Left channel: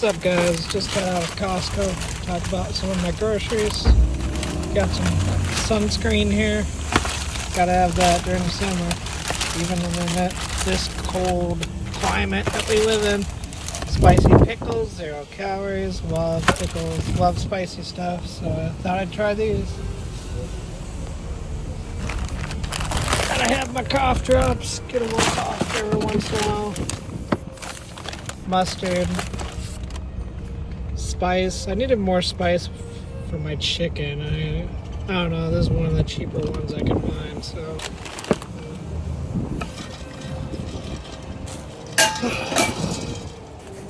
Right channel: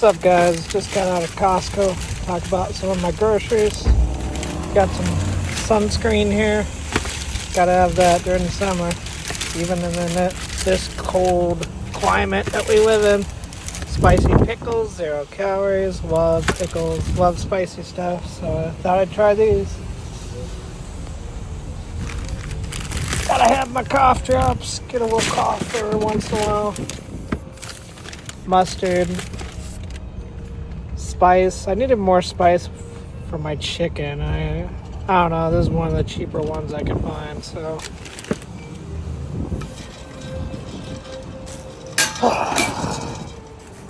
What's up, guys? Just got out of Costco. Talk about some of my groceries. Got some sunscreen here. Gotta have that during the summer, even in this cold climate that we live in. Spicy pickles, 0 calories. Love pickles, love spicy stuff. So I thought I'd try these. Gotta have my cough drops. Get a little cough every once in a while. Mustard. Spice. I needed more spice for my chicken. I don't know. This is one of the cheaper ones I could find. So,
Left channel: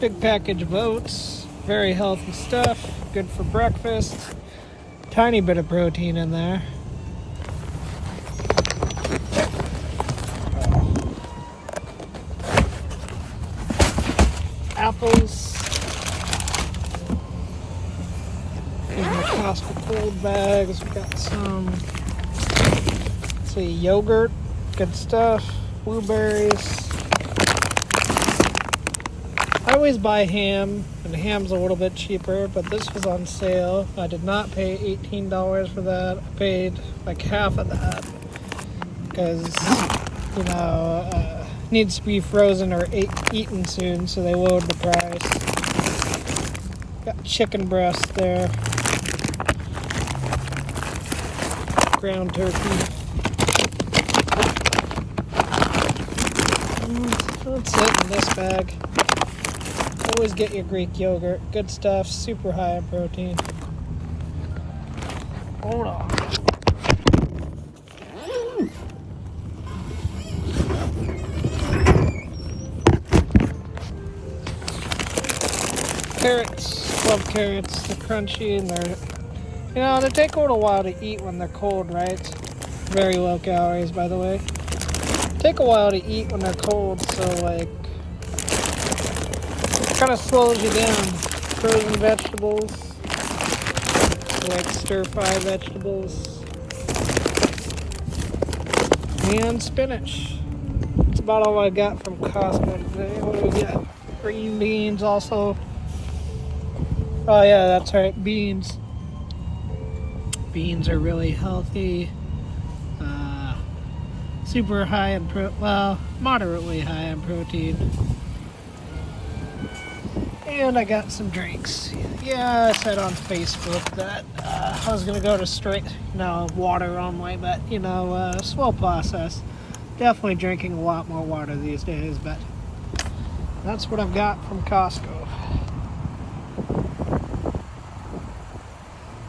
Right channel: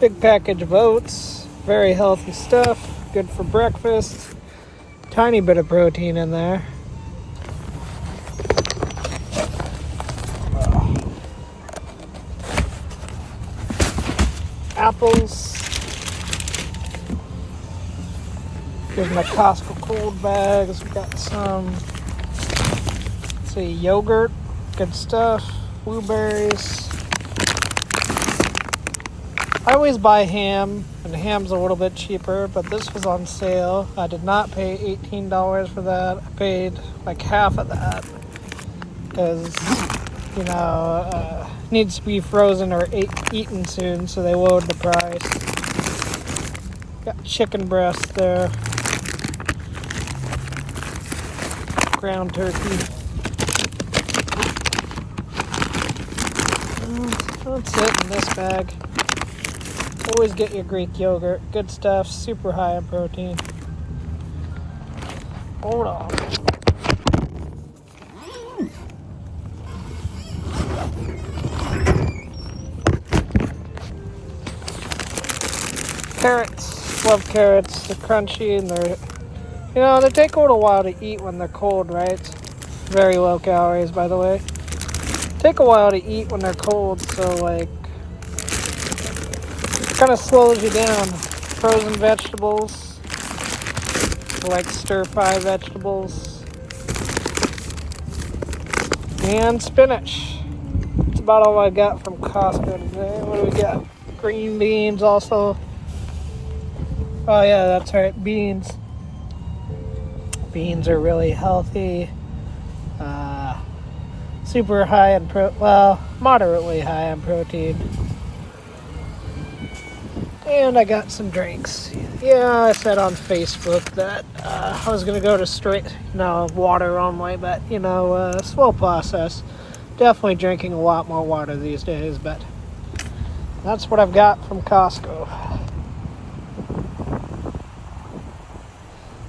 big package of oats. Very healthy stuff. Good for breakfast. Tiny bit of protein in there. Apples. Here's my Costco cold bags. We got some, let's see, yogurt, good stuff, blueberries. I always buy ham, and ham's a little bit cheaper, but this was on sale. I did not pay $18 for that. I paid like half of that because, needs to be frozen or eaten soon, so they lowered the price. Got chicken breast there. Ground turkey. That's it in this bag. Always get your Greek yogurt. Good stuff. Super high in protein. Hold on. Carrots. Love carrots. They're crunchy and they take a little while to eat when they're cold, right? Very low calories, by the way. Take a while to eat when they're cold, so it kind of slows you down. Frozen vegetables, like stir-fry vegetables, and spinach. That's about all I got from Costco today. What do we got? Green beans also. Oh yeah, that's right, beans. Beans are really healthy. Super high in moderately high in protein. And I got some drinks. Yeah, I said on Facebook that I was gonna go to water only, but slow process. Definitely drinking a lot more water these days, but that's what I've got from Costco.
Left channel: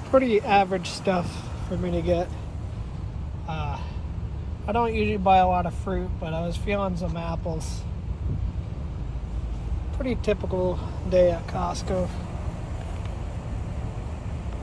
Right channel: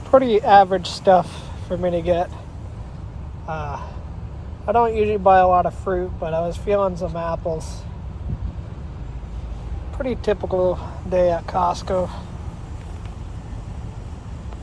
Pretty average stuff for me to get. I don't usually buy a lot of fruit, but I was feeling some apples. Pretty typical day at Costco.